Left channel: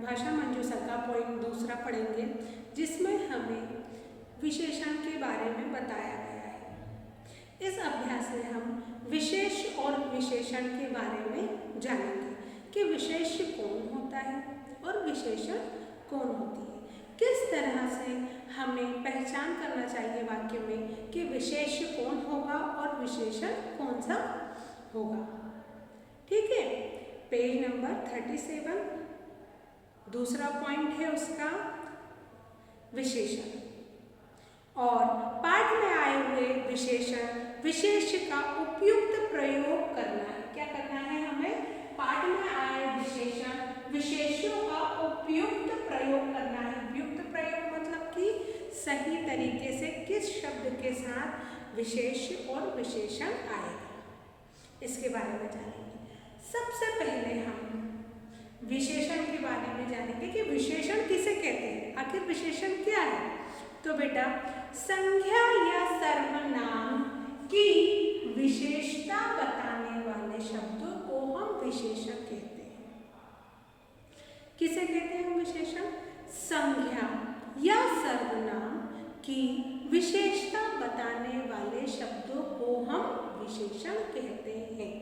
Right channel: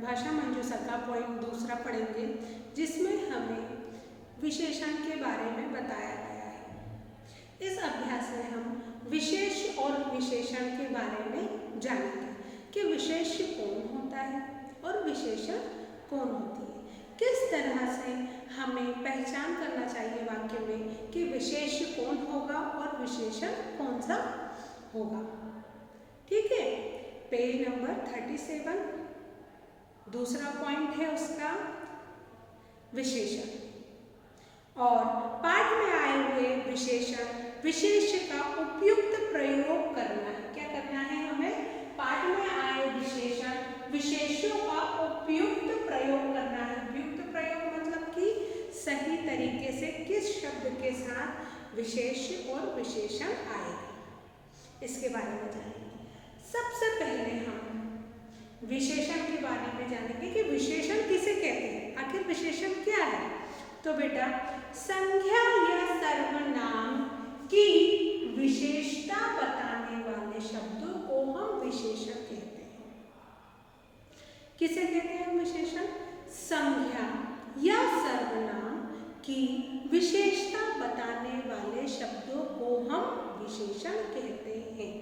भाषा मंजूषा का पॉइंट दूसरा पढ़ेंगे, जिसमें हमें विशेषण के बारे में बताया गया है। इस अभ्यास में हम विशेष और विशेषण के बारे में जानेंगे कि विशेष कौन होता है और विशेषण कौन होती है। किस तरह से हमें पहचान करना चाहिए वाक्य में कि विशेष कौन होगा और विशेषण कौन सा होगा। ठीक है, पेज नंबर 37 दूसरा पॉइंट है उसका विशेषण। और पाठ में आए हुए विशेष का उपयुक्त प्रयोग करना है। क्या करना है हमें? पाठ में आए विशेषों का उपयुक्त प्रयोग करना है। उपयुक्त प्रयोग मतलब कि सही तरीके से किस शब्द के साथ विशेष और विशेषण आएगा, इसके बारे में जानेंगे। सबसे पहले हम विशेषण के बारे में जानेंगे कि विशेषण किसे कहते हैं, आखिर विशेषण क्या है। तो बेटा, संज्ञा या सर्वनाम की विशेषता बताने वाले शब्दों को हम विशेषण कहते हैं। किसे कहते हैं विशेषण? संज्ञा या सर्वनाम की विशेषता बताने वाले शब्दों को हम विशेषण कहते हैं।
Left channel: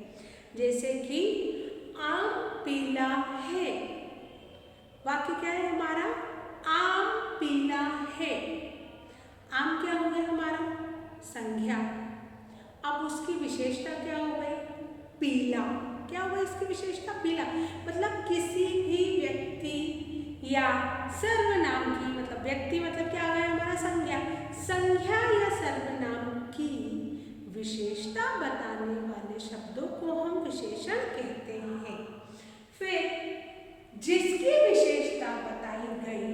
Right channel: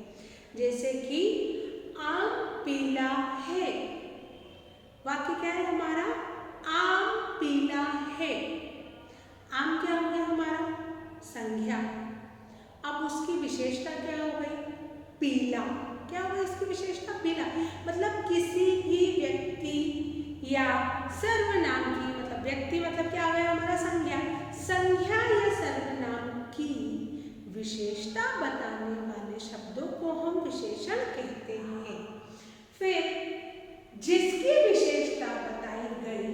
जैसे कि आम पीला है, वाक्य क्या है हमारा? आम पीला है। आम क्या हो गया हमारा? संज्ञा। अब उसकी विशेषता क्या हो गई? पीला। क्या हो गई इसकी विशेषता? पीला। मतलब किसी भी व्यक्ति या सर्वनाम की, मतलब व्यक्ति मतलब क्या हो गया हमारा? संज्ञा। संज्ञा या सर्वनाम की विशेषता बताने वाले शब्दों को हम विशेषण कहते हैं। फिर जिसकी विशेषता बताई गई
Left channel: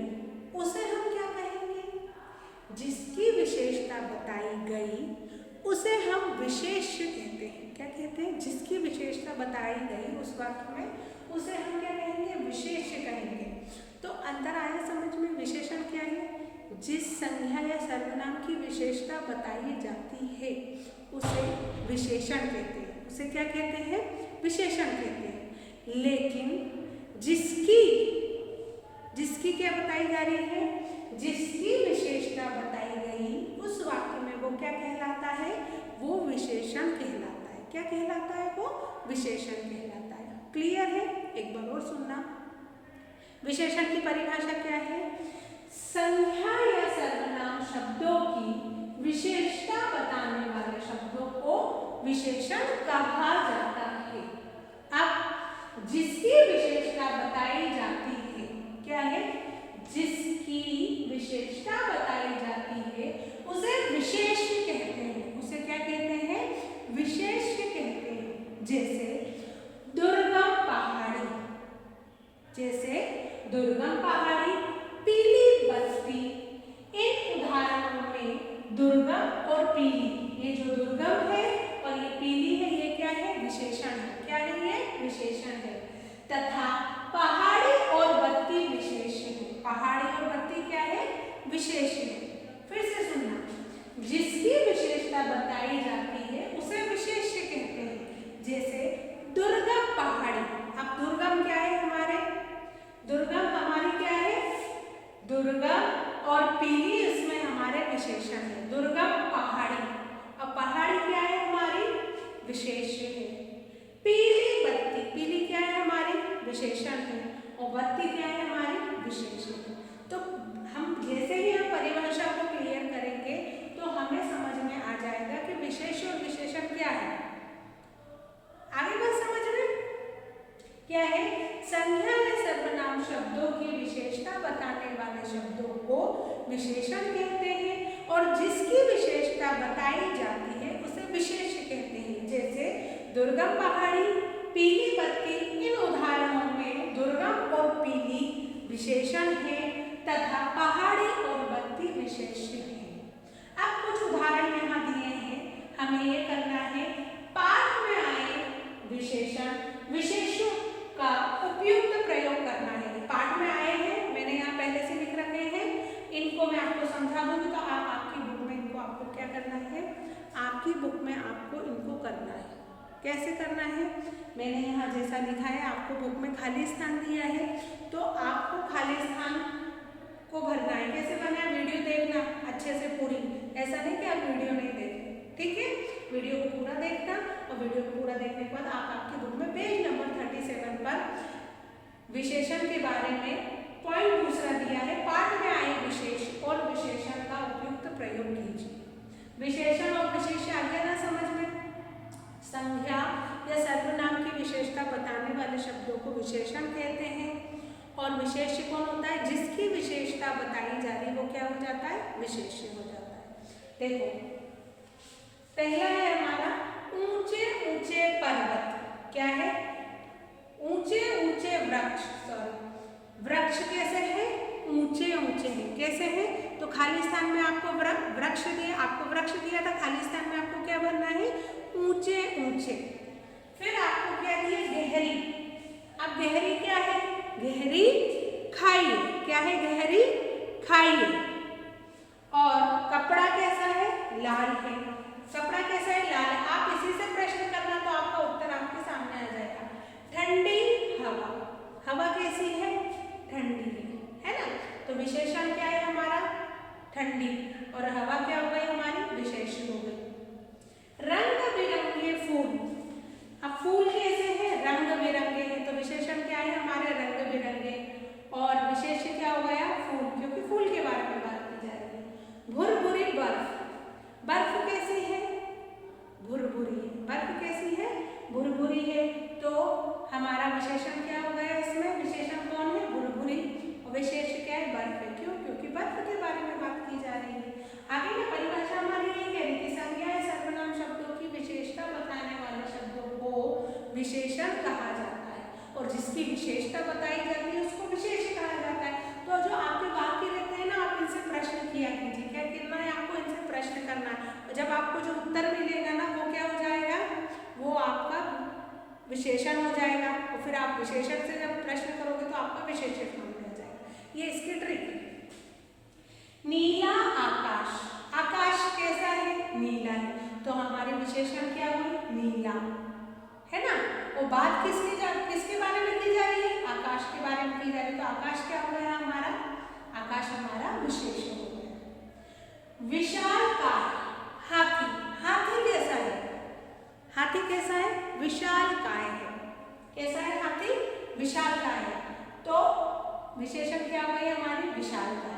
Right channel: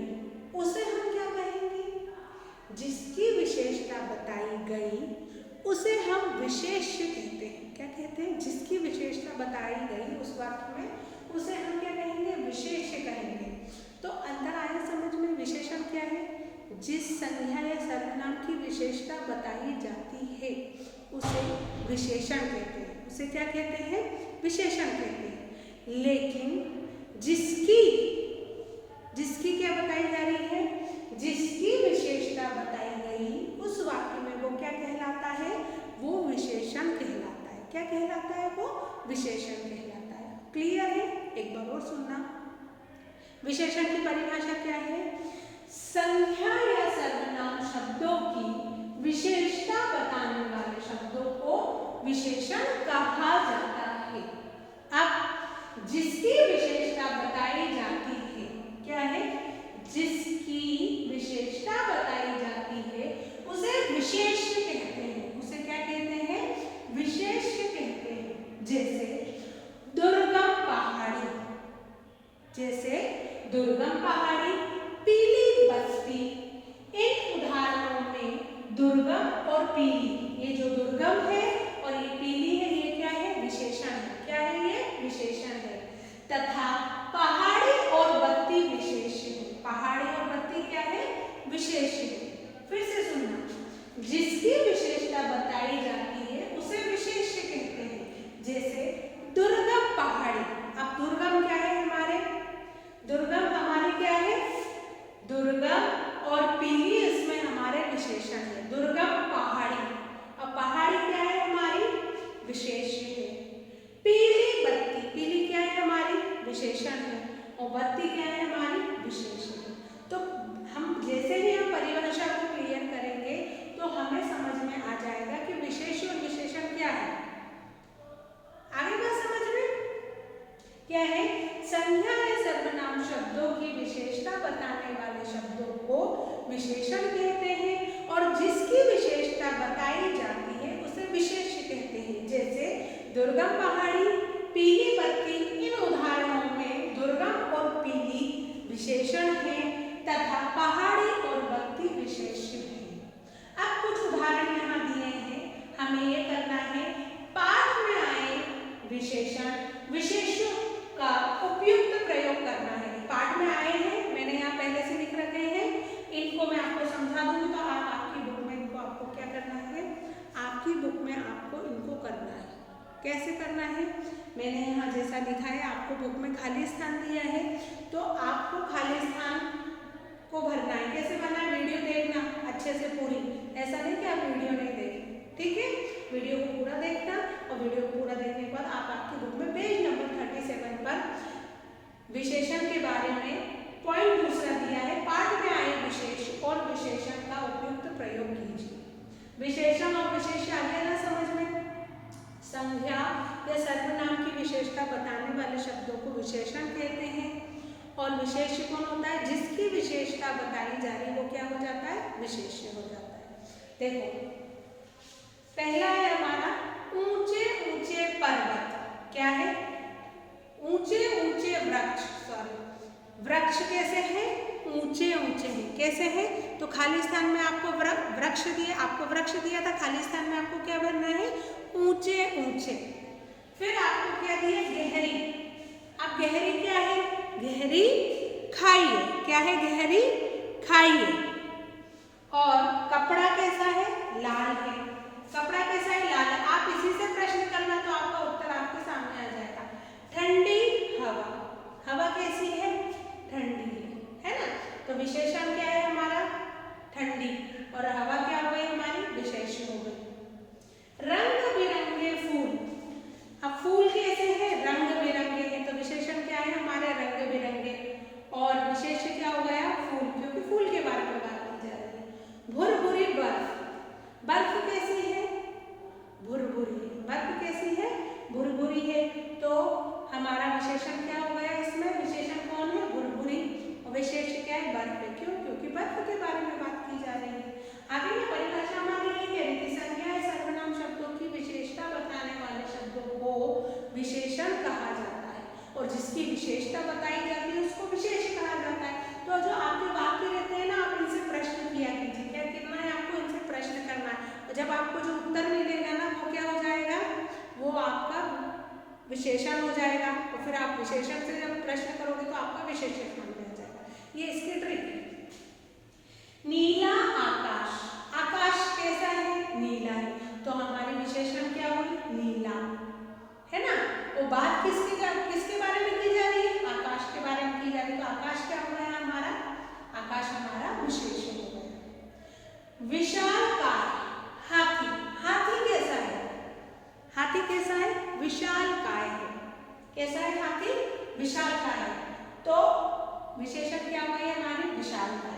उसे हम क्या कहेंगे? जिसकी विशेषता बताई गई उसे हम विशेष कहते हैं। क्या कहते हैं? जिसकी विशेषता बताई गई उस वाक्य में उसे हम क्या कहेंगे? विशेष कहेंगे। तो अंतर आया समझ में? विशेषण क्या है? जिस संज्ञा या सर्वनाम की विशेषता बताई जाती है उसे विशेषण कहते हैं। उसे क्या कहते हैं? विशेषण कहते हैं। लेकिन जिसकी क्या बताई जा रही है? जिसकी विशेषता बताई गई उस वाक्य में वो क्या कहलाता है? वो विशेषण कहलाता है। क्या कहलाता है? वो विशेषण कहलाता है। क्लियर है? एक बार और सुनना। विशेषण की परिभाषा क्या है? संज्ञा या सर्वनाम शब्दों की विशेषता बताने वाले शब्दों को विशेषण कहा जाता है। अब जिसकी विशेषता बताई जाती है, क्या है? जिसकी विशेषता बताई जाती है उसे विशेष कहते हैं। उसे क्या कहते हैं? विशेष कहते हैं। जैसे दुर्गम पहाड़ी, जैसे दुर्गम पहाड़ी, पीली बस्ती। इन उदाहरणों में दुर्गम और पीली, ये जो दुर्गम है और ये पीली है, ये क्या है? विशेषण है। क्या है ये? विशेषण है। तथा पहाड़ी और बत्ती विशेष है। पहाड़ी और बत्ती क्या है? विशेष है। फिर से सुनना, जिसकी विशेषता बताई जाती है उसे विशेष कहते हैं। जैसे दुर्गम पहाड़ी। अब दुर्गम क्या है हमारे? दुर्गम हमारी क्या है? दुर्गम और पीली इसमें हमारे विशेषण है। दुर्गम पहाड़ी। अब पहाड़ी क्या है हमारी? विशेष है। पीली बत्ती, पीली क्या है हमारी? विशेषण है। और बत्ती क्या है हमारी? विशेष है। तो हम जैसे ही हम परिभाषा को क्लियर करेंगे तो हमें समझ में आ जाएगा कि विशेष और विशेषण क्या है। आगे बात समझ में क्या है? संज्ञा या सर्वनाम शब्दों की विशेषता बताने वाले शब्दों को विशेषण कहते हैं और जिसकी विशेषता बताई जाती है उसे विशेष कहते हैं। जैसे दुर्गम पहाड़ी, पीली बत्ती। इन उदाहरणों में दुर्गम और पीली विशेषण है तथा पहाड़ी और बत्ती विशेष है। अब कुछ उदाहरण यहाँ दिए हैं, हमें ये करना है। पाठ में आए विशेषण का उपयुक्त प्रयोग करना है। पाठ में आए हैं, मैंने यहाँ पहले से लिख रखे हैं, इनको मैं आपको समझा दूंगी तो आप आपकी बुक में इनको आपको क्या करना है? आपकी बुक में आपको इनको करना है। कैसे करना है? मैंने यहाँ जैसा लिखा है, आपको बुक में खाली स्थान दिया है तो आपको वीडियो पूरा देखने के बाद आप आपके बुक में पेज नंबर 37 पर विशेषण के बारे में पॉइंट दूसरा दिया है, पाठ में आए विशेष और विशेषण का उपयुक्त प्रयोग कीजिए। विशेषण और विशेष आ गया ना समझ में? संज्ञा या सर्वनाम की विशेषता बताने वाले शब्दों को विशेषण कहते हैं और विशेष्य कौन होता है? जिसकी विशेषता बताई जा रही वो क्या हो जाता है? विशेष्य हो जाता है। देखो पहला है हमारा ऊंचे ऊंचे पर्वत, क्या है? ऊंचे ऊंचे वृक्ष, सॉरी वृक्ष कैसे हैं? ऊंचे ऊंचे हैं। कैसे हैं? तो खाली स्थान में आपको वृक्ष दिया, आपको वृक्ष दिया था, खाली स्थान में आपको क्या भरना है? ऊंचे ऊंचे। फिर आपको क्या दिया? गहरी। अब गहरी क्या है? गहरी खाई है। क्या है? गहरी खाई है। और कपड़ा कैसा है? लाल है। कपड़ा कैसा है? लाल है। आप इसी से प्रश्न करना तो आपका उत्तर आपके सामने आ जाएगा। ठंडी हवा, हवा कैसी है? ठंडी है ना? तो विशेषण क्या है हमारा? ठंडी, और हवा क्या हो गई हमारी? विशेषण हो गई। रंग बिरंगे फूल, अब फूल कैसे हैं? रंग बिरंगे हैं, तो विशेषण क्या है हमारे? रंग बिरंगे, और विशेषण क्या हो गया? फूल, क्योंकि फूल के बारे में बात की जा रही है। भुरभुरी बर्फ, बर्फ कैसी है? भुरभुरी। बर्फ कैसी है? भुरभुरी है, तो हमारा विशेषण क्या हो गया इसमें? विशेषण कौन है? भुरभुरी, और विशेष क्या है? बर्फ है। क्यों? क्योंकि बर्फ के बारे में बात की जा रही है। आगे में परिभाषा हमारी ये है कि संज्ञा सर्वनाम शब्दों की विशेषता बताने वाले शब्दों को विशेषण कहा जाता है, और जिसकी विशेषता बताई जाती है उसको विशेष कहा जाता है। तो जो आपके वाक्य रहते हैं ना, आप इनसे प्रश्न किया कीजिए, क्या कितना है आपको इनसे प्रश्न करना है, और जब आपको जो उत्तर मिलेगा ना वो क्या हो जाएगा? वो आपका विशेषण हो जाएगा, और फिर आप विशेषण से जब प्रश्न करोगे तो आपका विशेषण सामने आ जाएगा। ये इसकी ट्रिक है। नीला आकाश, आकाश कैसा है? नीला है, तो हमारी विशेषण क्या होगी? नीला, है ना? वो बात किसके बारे में की जा रही है? आकाश के बारे में की जा रही है, तो आकाश क्या हो गया हमारा? आकाश हमारा विशेषण हो गया। विशालकाय, हाथी, हाथी कैसा है? हाथी कैसा है? विशालकाय है। कैसा है हाथी? विशालकाय है, तो विशेषण क्या हो गई हमारी? विशालकाय।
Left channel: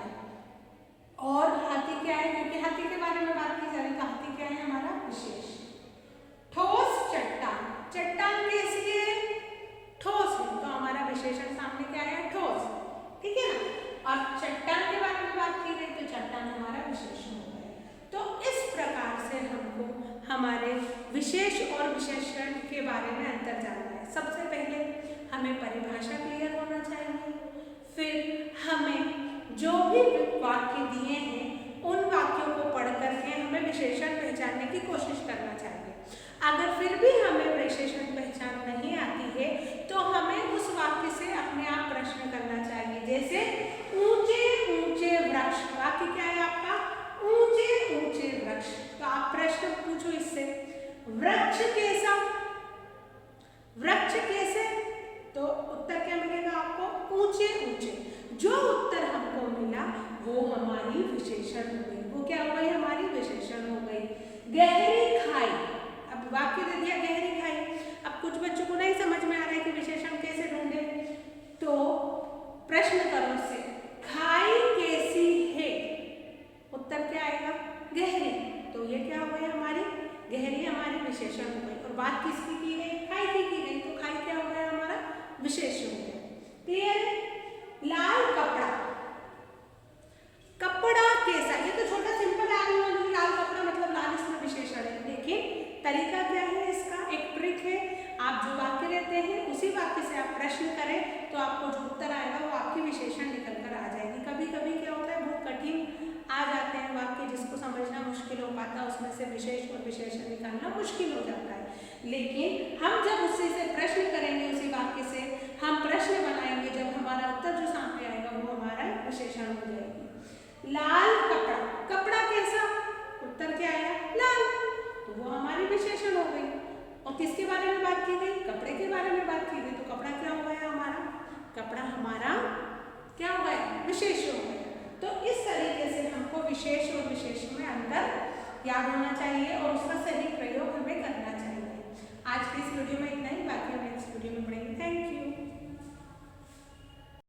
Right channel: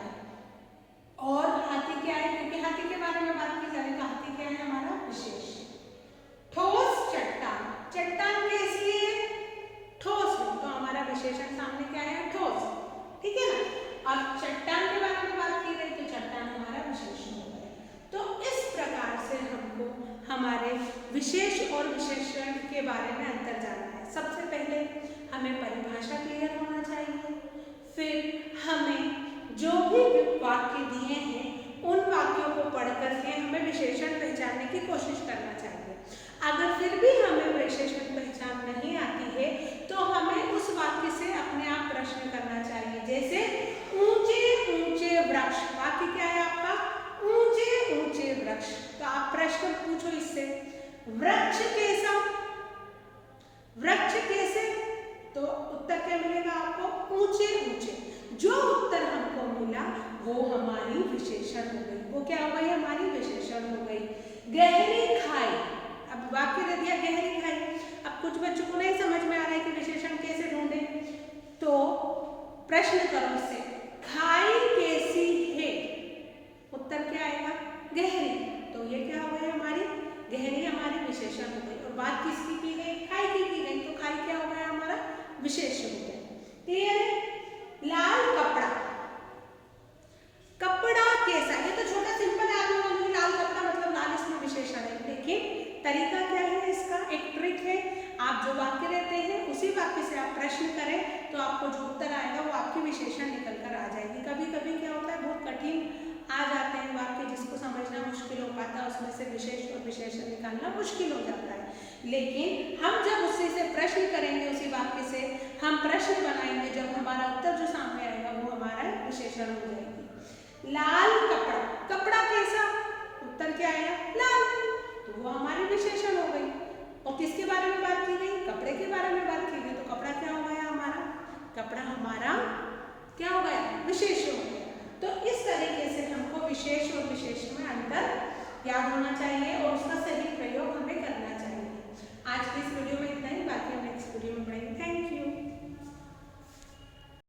और हाथी क्या है? क्योंकि हाथी के बारे में बात की जा रही है, तो हाथी क्या है हमारा? विशेष। ठोस चट्टान, चट्टान कैसी है? ठोस है, तो हमारा विशेषण सामने क्या है? ठोस, ठीक है ना? और चट्टान के बारे में बात की गई तो चट्टान हमारा विशेषण हो गया। तो इस प्रकार से हमको हमारे विशेष और विशेषण के बारे में अंतर जानना है। सबसे पहले हमें परिभाषा क्लियर होना चाहिए, फिर हमें जो भी वाक्य दिए हैं उन वाक्यों को पढ़ करके हमें विशेषण पहचानने की कोशिश करना चाहिए। अगर फिर भी हमें विशेषण पहचान नहीं आती है तो हमें उस वाक्य से अपने आप प्रश्न करना चाहिए। जैसे ऊंचे ऊंचे वृक्ष, वाक्य क्या है आपका? ऊंचे ऊंचे वृक्ष, तो आप प्रश्न पूछो इससे, वृक्ष कैसा? वृक्ष कैसे? तो उत्तर क्या मिलेगा आपको? ऊंचे ऊंचे। जो उत्तर हमको मिला वो हमारी विशेषण हो गई। वो क्या हो गई? हमारी विशेषण हो गई। गहरी खाई, अब वाक्य दे दिया गहरी खाई। अब कुछ बच्चों को नहीं समझ में आ रहा है कि विशेषण कैसे ढूंढे, तो प्रश्न करो उससे, खाई कैसी है? उत्तर क्या आएगा? गहरी। तो ये क्या हो गई हमारी? गहरी हमारी विशेषण हो गई। और बात किसकी की गई? खाई की गई, तो खाई क्या हो गया हमारा? विशेष हो गया। क्लियर है? लाल कपड़ा, कपड़ा कैसा? ये तो छोटा सिंपल आदमी, लाल कपड़ा मतलब लाल इसमें विशेषण है, लेकिन तरीका क्या है इसका? एक ट्रिक है। आप जो वाक्य रहते हैं उसी वाक्य से आप प्रश्न करें तो आपको जो उत्तर आएगा वो आपकी विशेषण निकल कर आ जाएगी। कभी कभी क्या होता है, बहुत कठिन आ जाते हैं वाक्य, जिसको समझना मुश्किल हो पाता है, उसमें से विशेष और विशेषण निकालना मुश्किल हो जाता है। लेकिन हम जब उससे से प्रश्न करेंगे, उसी वाक्य से हम प्रश्न बनाएंगे, जब हमारा उत्तर जो सामने आएगा वो हमारा विशेषण हो जाएगी। लाल कपड़ा, कपड़ा कैसा? उत्तर क्या आया? लाल, तो वो हमारी विशेषण हो गई। और किसके बारे में बात की गई? कपड़े के बारे में बात की गई, तो कपड़ा क्या हो गया हमारा? कपड़ा हमारा क्या हो गया? विशेष हो गया। तो इस तरीके से हमको विशेष और विशेष में अंतर याद होना चाहिए, और